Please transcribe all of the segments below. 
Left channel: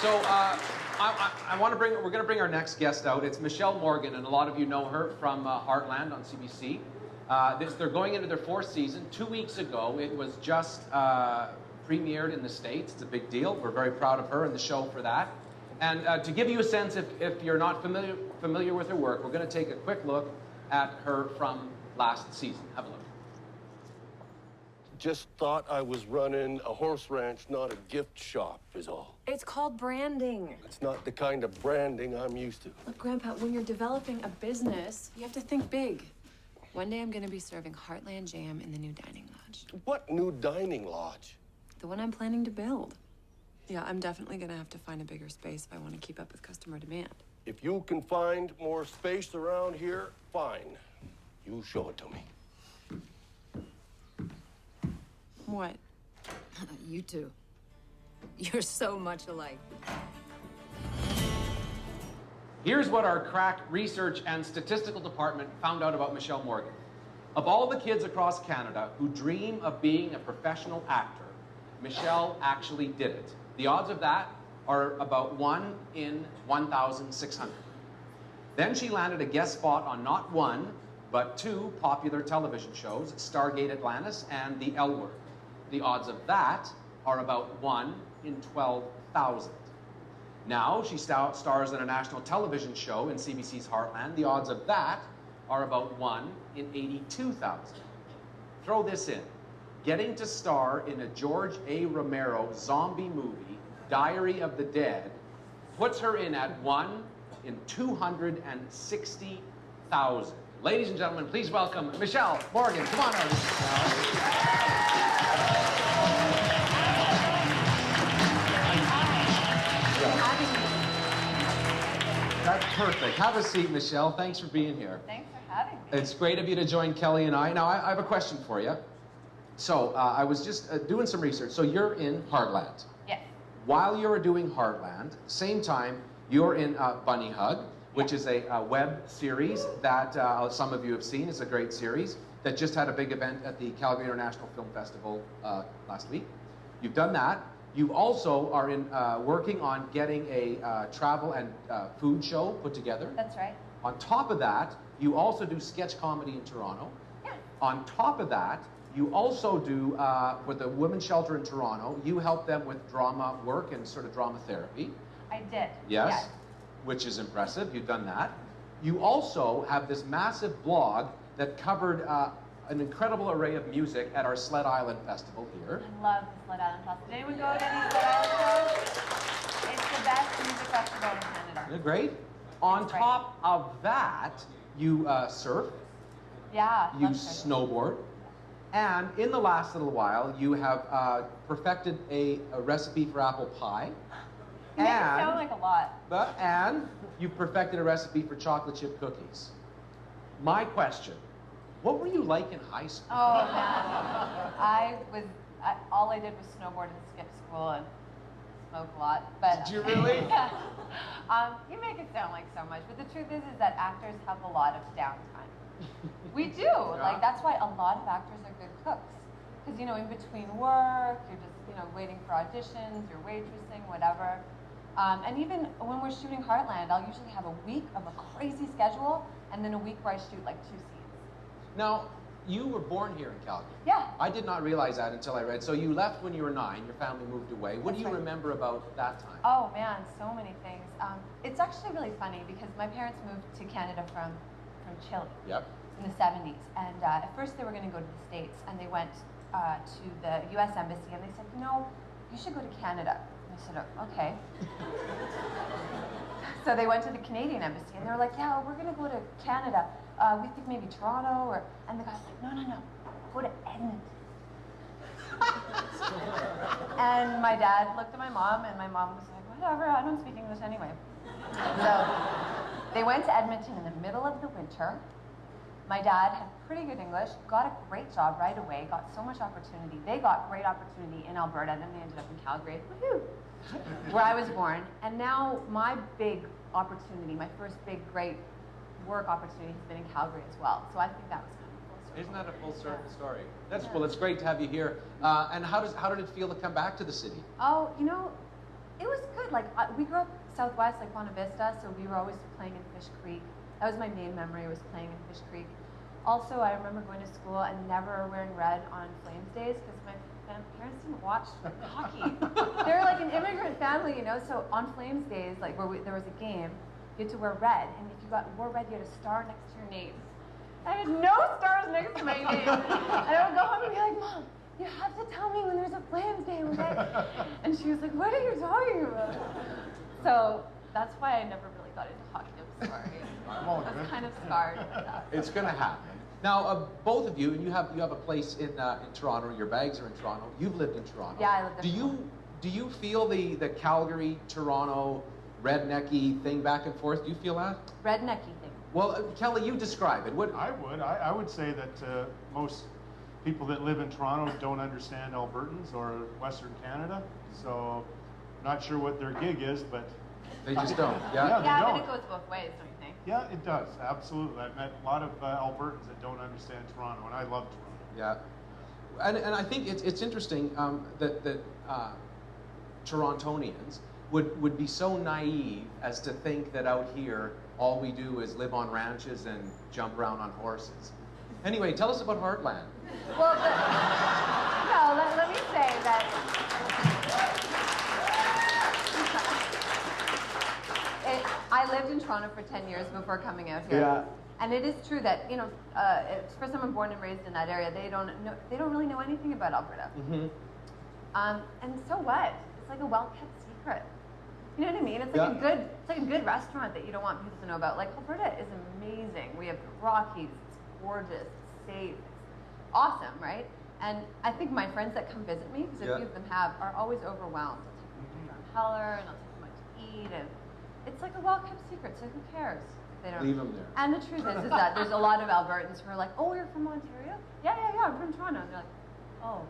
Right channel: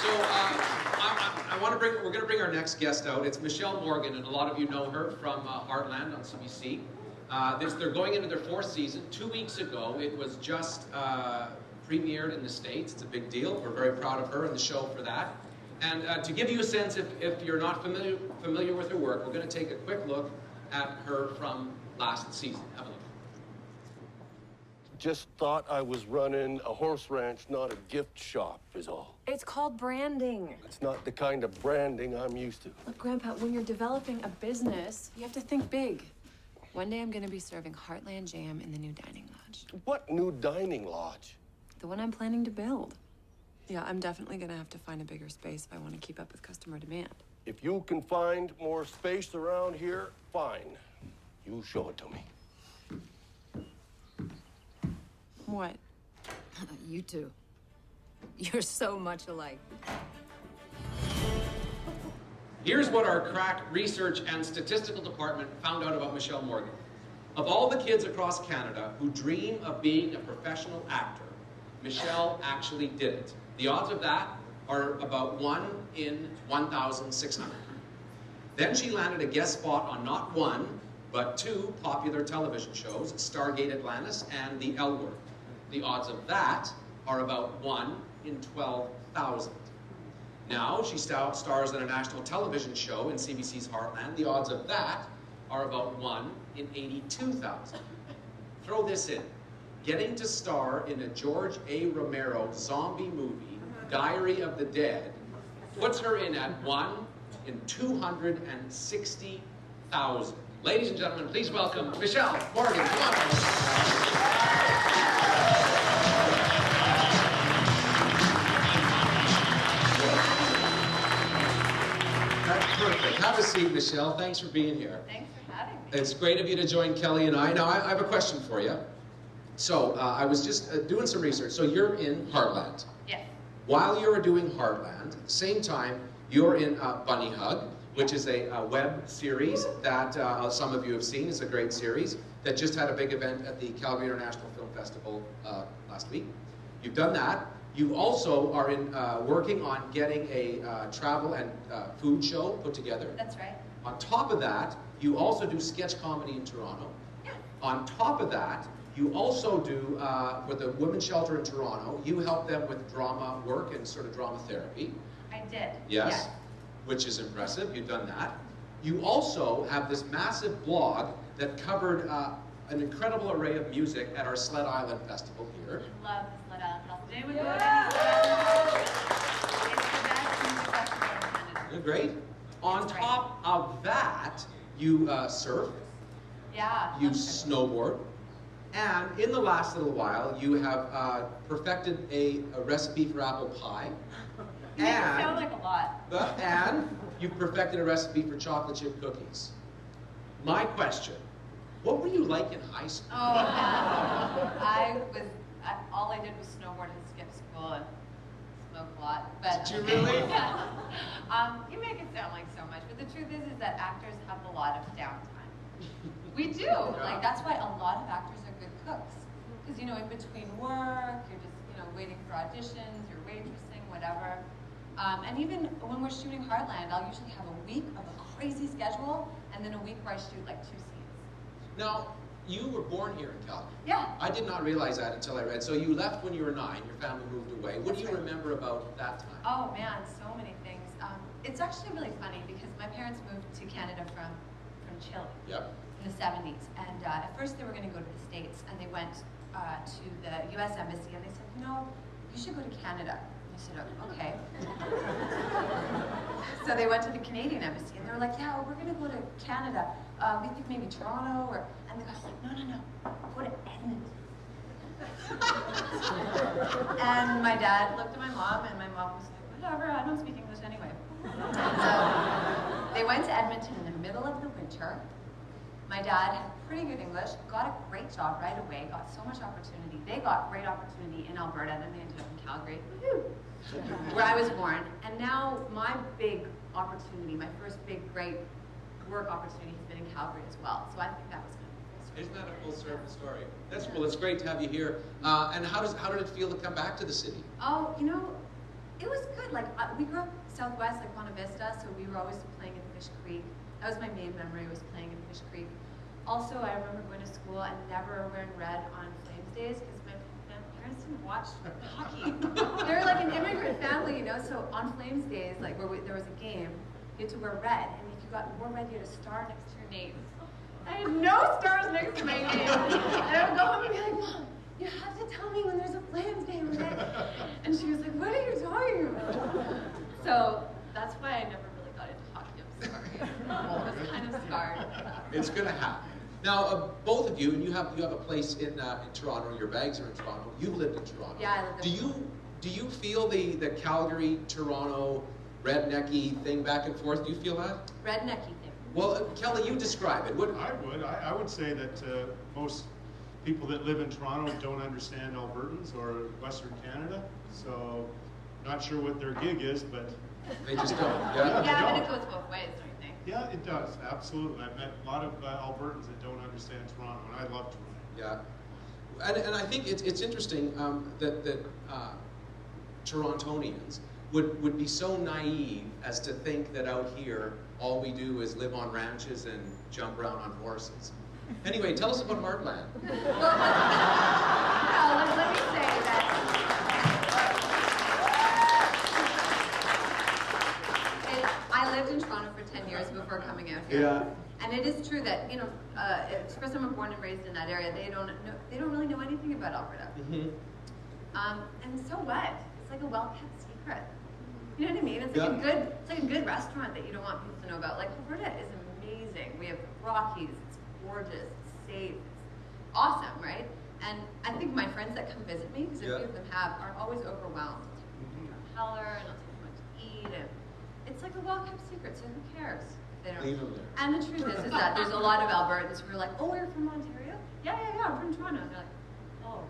So we're going to bring our next guest out. It's Michelle Morgan, and a lot of you know her from Heartland on CBC. They're going into their fourth season. 2 weeks ago, it was just premiered in the States. It's a big deal. We're very proud of her and the show for that. And to give you a sense, if you're not familiar with her work, we're going to take a quick look at her from last season. Have a look. Just thought I was running a horse ranch, not a gift shop, is all. It's called branding. It's not the kind of branding I'm used to. Look, Grandpa, when you're developing a business, you have to think big. One day I'm gonna be serving Heartland jam in the new dining lodge. What new dining lodge? The one I'm planning to build. Yeah, I'm definitely gonna have to find a bigger space if I want to keep up with customer demand. If you can find more space around here, fine. You show it to me. What? You two. You're so much alike. Here's what our crack research and statistical department found out about Michelle Morgan. Of all the kids across Canada who dream of being a professional actor, Michelle actually did it. The odds of that are about 1 in 1,600. Then she landed a guest spot on not one, but 2 popular television shows, Stargate Atlantis and The L Word. The odds of that are about 1 in 12,000. Now she stars in a national television show in CBC's Heartland. The odds of that are about 1 in 82,000. Throw this in. Getting to star in a George A. Romero zombie movie, Diary of the Dead, puts her in at 1 in 260,000. Ladies and gentlemen, please welcome Michelle Morgan. Come on. That's perfect. Have a seat, Michelle. Thanks for being here. Thanks for having me. It's great of you to join Kelly and I. Now, I have a question for you. So, I was just doing some research. So, you're in Heartland. Yes. While you're doing Heartland, same time, you're in Bunny Hug, which is a web series that some of you have seen. It's a great series that just had a big event at the Calgary International Film Festival last week. You've done that. You also are working on getting a travel and food show put together. That's right. On top of that, you also do sketch comedy in Toronto. Yeah. On top of that, you also do, for the women's shelter in Toronto, you help them with drama work and sort of drama therapy. I did. Yes. Which is impressive. You've done that. You also have this massive blog that covered an incredible array of music at our Sled Island Festival here. I love the Sled Island Festival. Did anyone go to any Sled Island Festival? It's the best music festival in Canada. Isn't it great? On It's top of that, you surf, Yeah. you love surfing. snowboard, and in the last little while, you have perfected a recipe for apple pie. You make it sound like a lot. And you've perfected a recipe for chocolate chip cookies. My question, what were you like in high school? Oh, man. All I did was snowboard and skip school and smoke a lot. But, Did you really? you make it sound like so much, but the truth is that actors have a lot of downtime. We do. Like, that's why a lot of actors are good cooks. Because, in between work, you're just, waiting for auditions, you're waitressing, whatever. And even when we're shooting Heartland, I'll usually have a week of a crazy schedule, and then a week where I shoot like 2 scenes. Now, you were born here in Calgary. Yeah. I did not realize that until I read. So you left when you were 9, your family moved away. What do you remember about that time? Oh man, so many things. It's actually really funny because my parents moved to Canada from Chile Yep. in the 70s. And at first they were going to go to the States, and they went to the US Embassy, and they said, you should go to Canada. And I said, okay. So they went to the Canadian Embassy, and they were like, yeah, we're going to go to Canada. We think maybe Toronto, and the guy's like, no, go to Edmonton. And my dad looked at my mom, and my mom was like, whatever, I don't speak English anyway. So they went to Edmonton in the middle of the winter. My dad had pretty good English, got a great job right away, got so much opportunity. They got great opportunity in Alberta, and then they ended up in Calgary, where I was born. And now my big opportunity, my first big, great work opportunity has been in Calgary as well. So I think that was kind of a full Isn't that a full circle story? Well, it's great to have you here. And how did it feel to come back to the city? Oh, It was good. Like we grew up southwest, like Buena Vista, so we were always playing in Fish Creek. That was my main memory, was playing in Fish Creek. Also, I remember going to school and never wearing red on Flames days because my parents didn't watch hockey. They were like an immigrant family, you know. So on Flames days, like there was a game, you had to wear red, and if you wore red, you had a star next to your name. I had no stars next to my name, and I would go home and be like, Mom, you have to tell me when there's a Flames game, okay? And she was like, what are you talking about? So that's why I never really got into hockey. I'm sorry. I was kind of scarred. It's going to happen. Now, both of you, and you have a place in Toronto. Your bags are in Toronto. You've lived in Toronto. Yeah, I lived in Toronto. Do you feel the Calgary, Toronto, rednecky thing back and forth? Do you feel that? Rednecky thing. Well, Kelly, you describe it. What? I would say that most people that live in Toronto don't understand Albertans or Western Canada. So, not sure what their gig is, but They just don't. Yeah, Yeah, they but don't. it goes both ways, don't you think? Yeah, it does. Absolutely. I've met a lot of Albertans that don't understand Toronto, and I love Toronto. Yeah, and I think it's interesting that Torontonians would be so naive as to think that out here all we do is live on ranches and jump around on horses. Anyway, tell us about Heartland. Well, let me say that I lived in Toronto for 10 years before coming out here. Yeah. And it is true that, you know, for someone born and raised in that area, they don't really know anything about Alberta. Mm-hmm. And so what? It's like a well-kept secret. You know what I mean? It's like it's like a good restaurant that you don't want people to know about. Like, Alberta is amazing. We have the Rockies. It's gorgeous. It's safe. It's awesome, right? And I think my friends that come visit me, because a few of them are always overwhelmed. It's like, Heller, and I'll take them out to eat, and it's like a well-kept secret. So who cares? They don't. Leave them there. And the truth is that there's a lot of Albertans who are like, "Oh, you're from Ontario? Yeah, I'm from Toronto." And they're like, "Oh."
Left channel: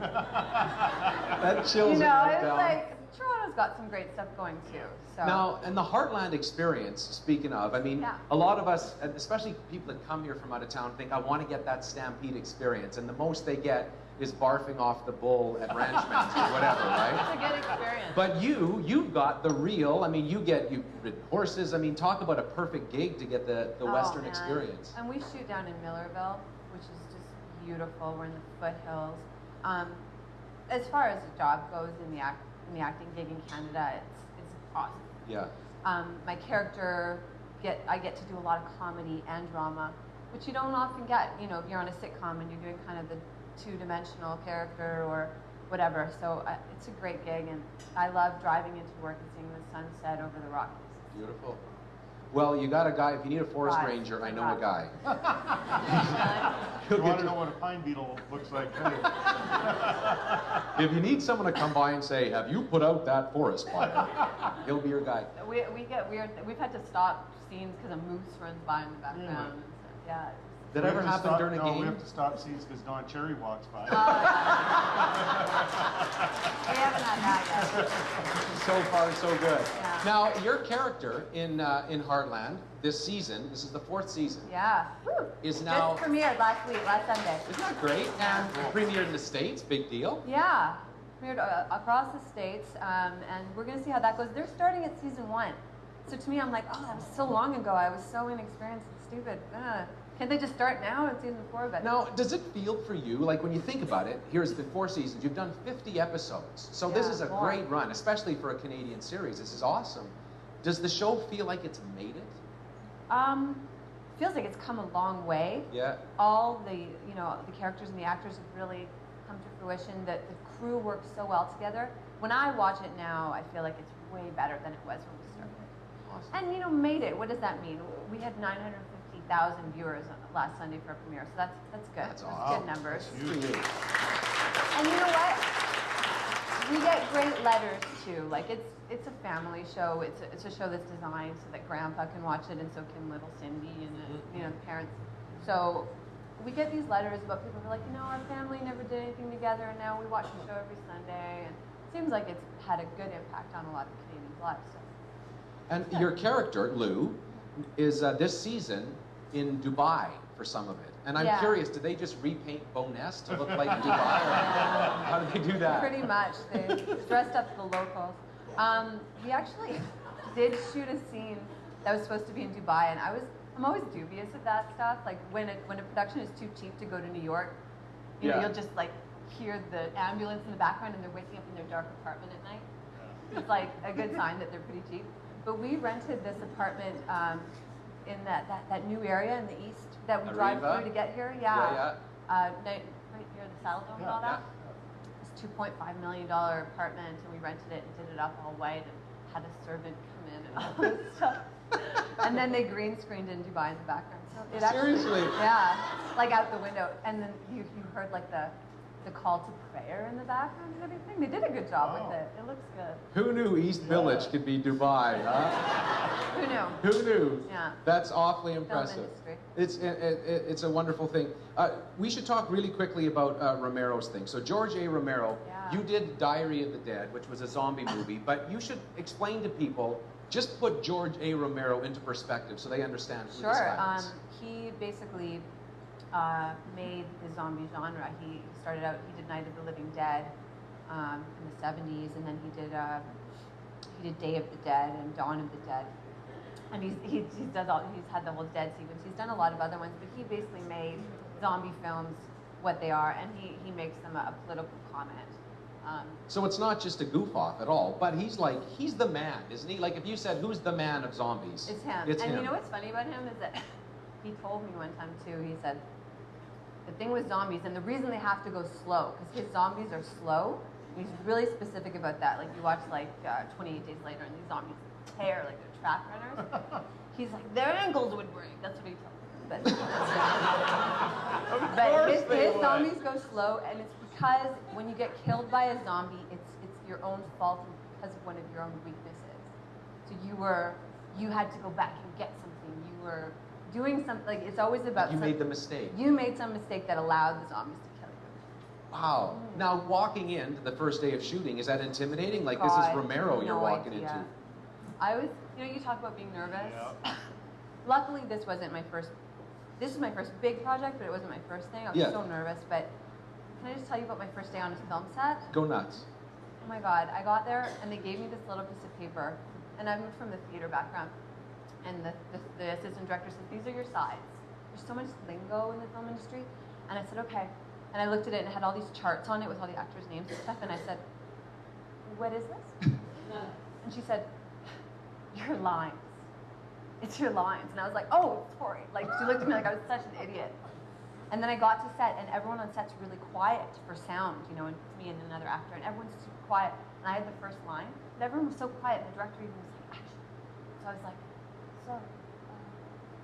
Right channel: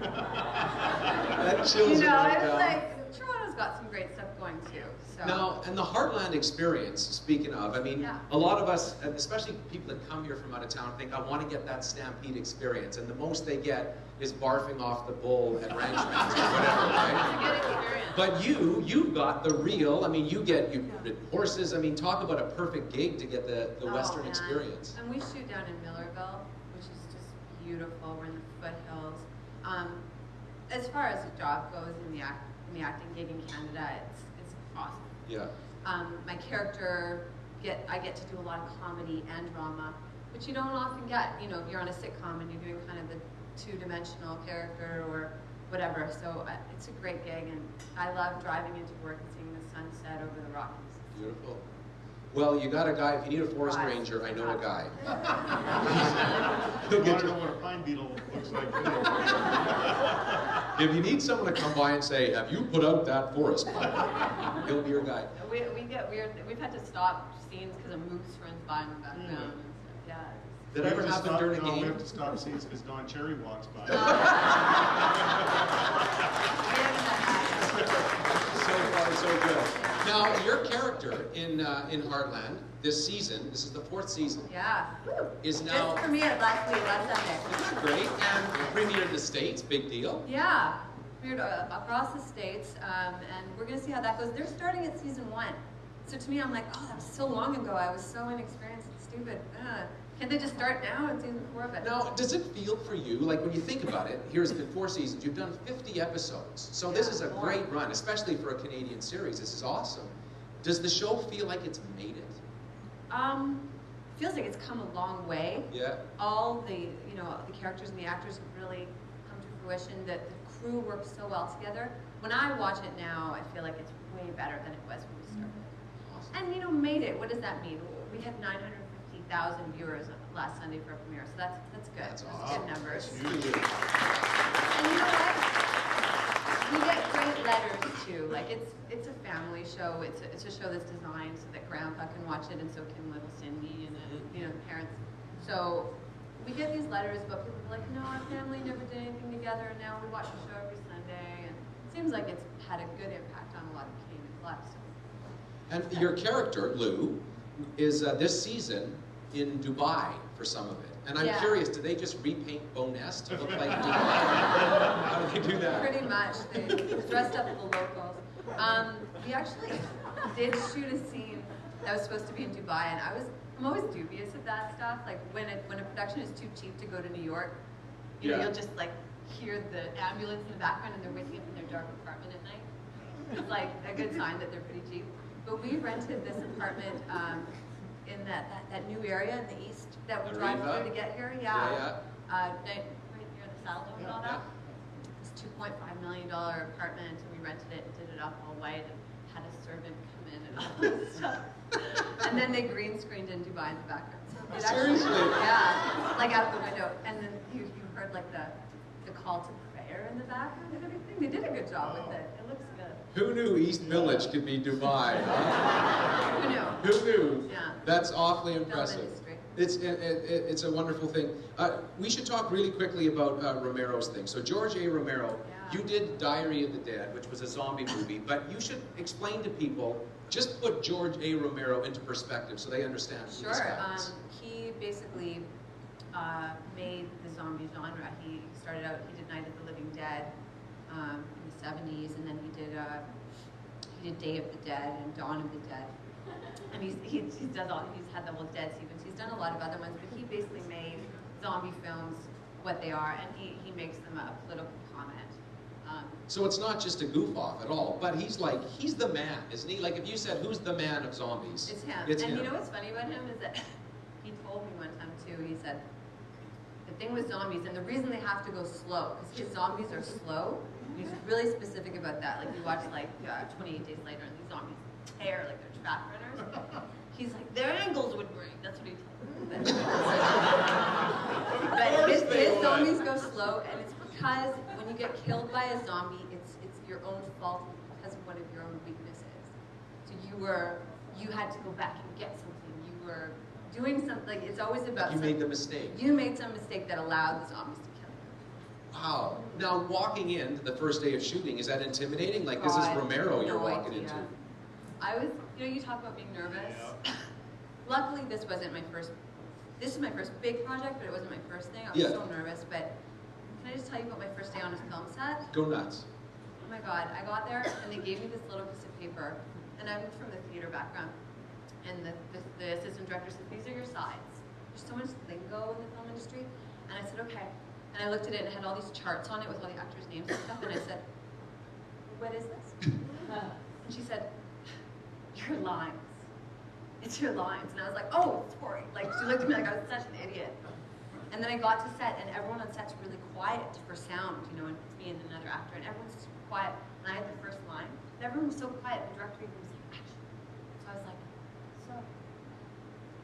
That chills You it know, right it's down. like Toronto's got some great stuff going too. So Now, and the Heartland experience, speaking of, I mean, Yeah. a lot of us, and especially people that come here from out of town, think, I want to get that Stampede experience, and the most they get is barfing off the bull at Ranchman's or whatever, right? it's a good experience. But you've got the real, I mean, you've ridden horses, I mean, talk about a perfect gig to get the Western man. experience. And we shoot down in Millerville, which is just beautiful. We're in the foothills. As far as the job goes in the acting gig in Canada, it's awesome. Yeah. My character, I get to do a lot of comedy and drama, which you don't often get. You know, if you're on a sitcom and you're doing kind of the two-dimensional character or whatever. So it's a great gig, and I love driving into work and seeing the sunset over the Rockies. Beautiful. Well, you got a guy, if you need a forest Right. ranger, I know a guy. I He'll want get to know you. what a pine beetle looks like. If you need someone to come by and say, have you put out that forest fire? He'll be your guy. We get weird. We've had to stop scenes because a moose runs by in the background. And so, yeah. Did We that ever have to happen stop- during a no, we game? have to stop scenes because Don Cherry walks by. We haven't had that yet. So far, so good. Yeah. Now, your character in Heartland this season, this is the 4th season, Yeah. Woo. is now, Just premiered last Sunday. isn't that great? And premiered in the States, big deal. Yeah. Premiered across the states, and we're gonna see how that goes. They're starting at season 1. So to me, I'm like, oh, that was so long ago. I was so inexperienced and stupid. Can't they just start now at season 4? But Now, does it feel for you, like when you think about it, here's been 4 seasons, you've done 50 episodes. So this Yeah, is a more. great run, especially for a Canadian series. This is awesome. Does the show feel like it's made it? feels like it's come a long way. Yeah. All the the characters and the actors have really come to fruition. That the crew works so well together. When I watch it now, I feel like it's way better than it was when we started. Awesome. And made it. What does that mean? We had 950,000 viewers last Sunday for a premiere, so that's good. That's Those awesome. good numbers. That's huge. And you know what? We get great letters too. Like it's a family show. It's a show that's designed so that Grandpa can watch it, and so can little Cindy and the parents. So we get these letters about people who are like, no, our family never did anything together, and now we watch the show every Sunday. And it seems like it's had a good impact on a lot of Canadians' lives. So. And your character, Lou, is this season in Dubai for some of it. And I'm Yeah. curious, do they just repaint Boness to look like Dubai? How do they do that? Pretty much. They dressed up the locals. We actually did shoot a scene that was supposed to be in Dubai, and I'm always dubious of that stuff. Like when a production is too cheap to go to New York, you know, Yeah. you'll just like hear the ambulance in the background and they're waking up in their dark apartment at night. It's like a good sign that they're pretty cheap. But we rented this apartment in that new area in the east that we drive Arriva? through to get here. Yeah. Right near the Saddle Dome and all that. This $2.5 million apartment, and we rented it and did it up all white and had a servant come in and all this stuff. And then they green screened in Dubai in the background. So it actually, Seriously? yeah, like out the window. And then you heard like the call to prayer in the background and everything. They did a good job with it. It looks good. Who knew East Village could be Dubai, huh? Who knew? Who knew? Yeah. That's awfully impressive. industry. It's a wonderful thing. We should talk really quickly about Romero's thing. So George A. Romero, Yeah. you did Diary of the Dead, which was a zombie movie, but you should explain to people, just put George A. Romero into perspective so they understand who this Sure. guy is. He basically made the zombie genre. He started out, he did Night of the Living Dead in the 70s, and then he did Day of the Dead and Dawn of the Dead. And he's had the whole Dead sequence. He's done a lot of other ones, but he basically made zombie films what they are, and he makes them a political comment. So it's not just a goof off at all, but he's the man, isn't he? Like if you said, who's the man of zombies? It's him. It's and him. you know what's funny about him is that he told me one time too, he said, the thing with zombies, and the reason they have to go slow, because his zombies are slow, and he's really specific about that. Like you watch 28 Days Later and these zombies tear like they're track runners. He's like, their ankles would break. That's what he told me. But his zombies go slow, and it's because when you get killed by a zombie, it's your own fault because of one of your own weaknesses. So you had to go back and get something. You were doing something. Like it's always about. You made the mistake. You made some mistake that allowed the zombies to kill you. Wow. Now walking into the first day of shooting, is that intimidating? Like this is God, Romero you're no walking idea. into. I was, you talk about being nervous. Luckily, this wasn't my first. This is my first big project, but it wasn't my first thing. I was so nervous. But can I just tell you about my first day on a film set? Go nuts. Oh my God! I got there and they gave me this little piece of paper, and I'm from the theater background. And the assistant director said, "These are your sides." There's so much lingo in the film industry, and I said, "Okay." And I looked at it and it had all these charts on it with all the actors' names and stuff, and I said, "What is this?" And she said, "Your lines. It's your lines." And I was like, "Oh, sorry." Like she looked at me like I was such an idiot. And then I got to set, and everyone on set's really quiet for sound, and it's me and another actor, and everyone's super quiet. And I had the first line, and everyone was so quiet. The director even was like, "Action." So I was like, "So."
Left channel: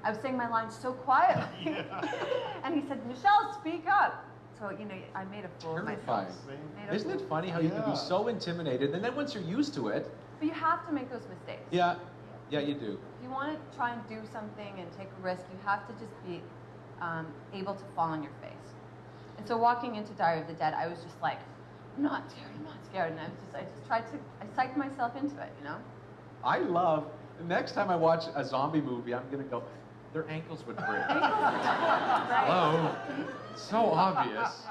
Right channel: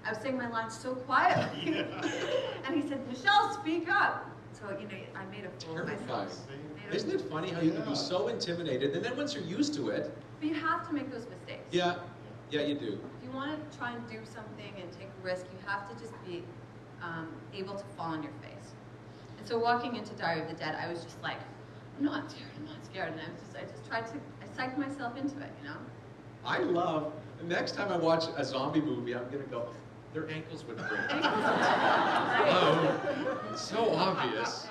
I was saying my lines so quietly, and he said, "Michelle, speak up." So I made a fool of Terrifying. myself. Isn't it funny how you can be so intimidated, and then once you're used to it, But you have to make those mistakes. yeah, you do. If you want to try and do something and take a risk, you have to just be able to fall on your face. And so walking into Diary of the Dead, I was just like, I'm not scared. And I just tried to, I psyched myself into it, I love, next time I watch a zombie movie, I'm going to go, their ankles would break. Right. Hello. It's so obvious.